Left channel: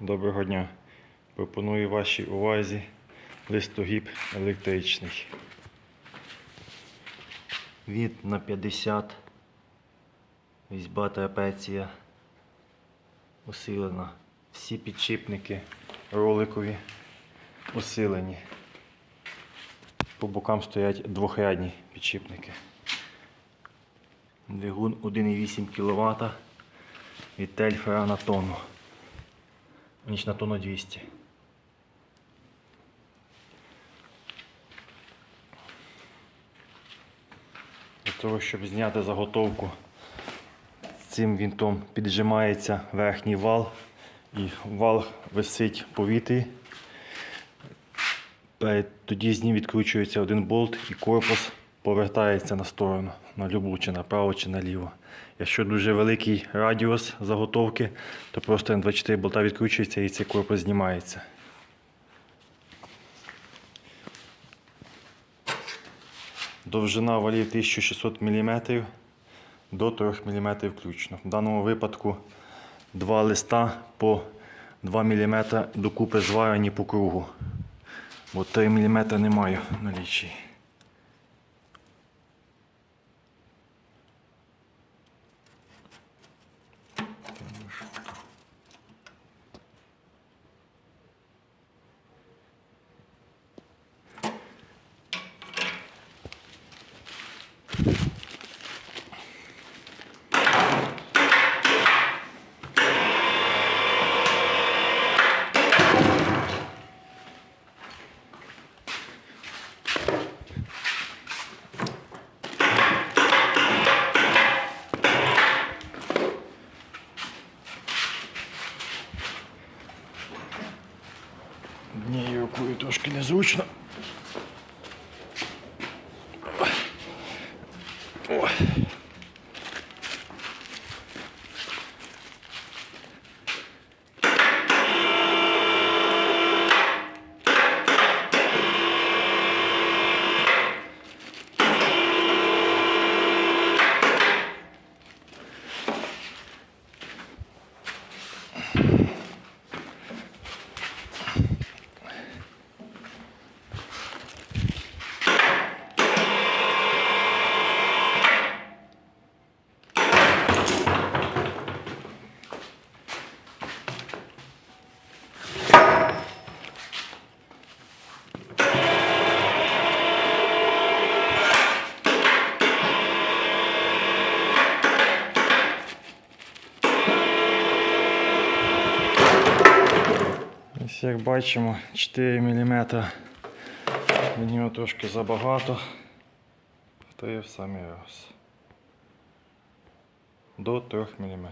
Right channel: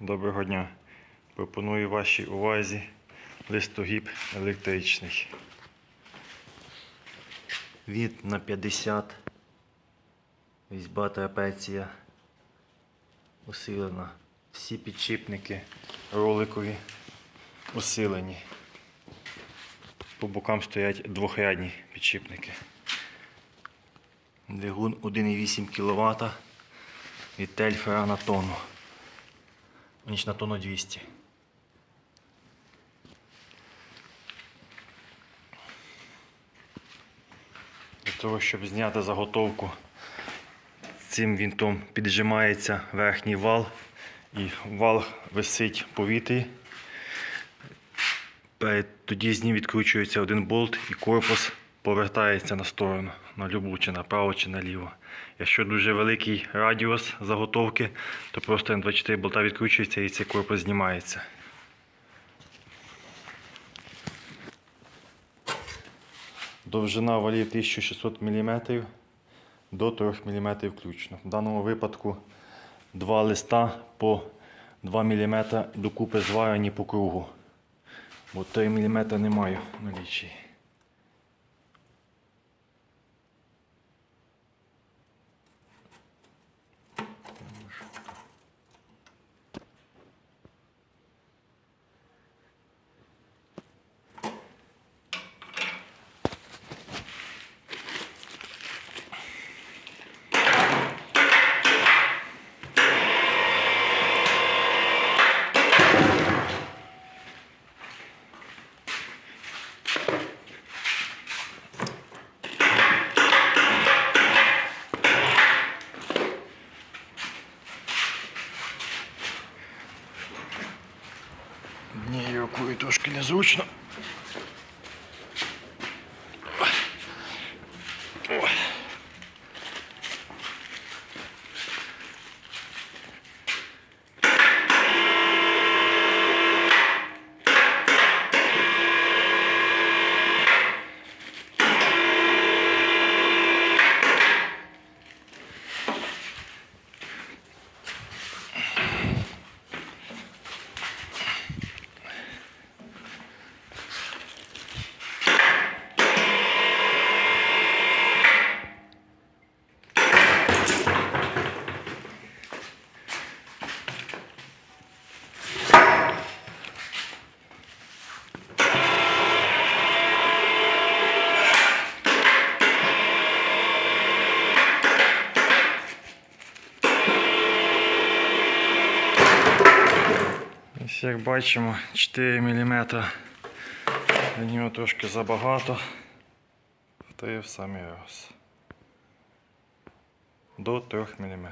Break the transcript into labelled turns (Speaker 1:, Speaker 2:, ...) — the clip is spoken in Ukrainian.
Speaker 1: Доброго дня. Пропоную вашій увазі листогіб електричний. Від на 50. Різьба трапеція усилена. Всі підшипники роликові усилені. По бокам стоять двохрядні підшипники. Двигун 1,8 кВт від тельфера на тонну. Ніч на тонну 200. Для того, щоб зняти заготовку, цим вінтом піджимається верхній вал і вал висить повітрі. Тоді з ним відкручується один болт і корпус повертається на сторону, на любу, чи направо, чи наліво. Якщо дуже великий радіус заготовки, то просто М24 болта відкручується і цей корпус знімається. Довжина валів 1600 мм до 3 мм включно. В даному випадку два листа по 2 мм докупи зварені по кругу. Бо 3 мм немає налічі. Однією рукою трошки незручно. О. Ось як бачимо, 4 мм. Для нього трошки забагато. Та в самий раз. До 3 мм.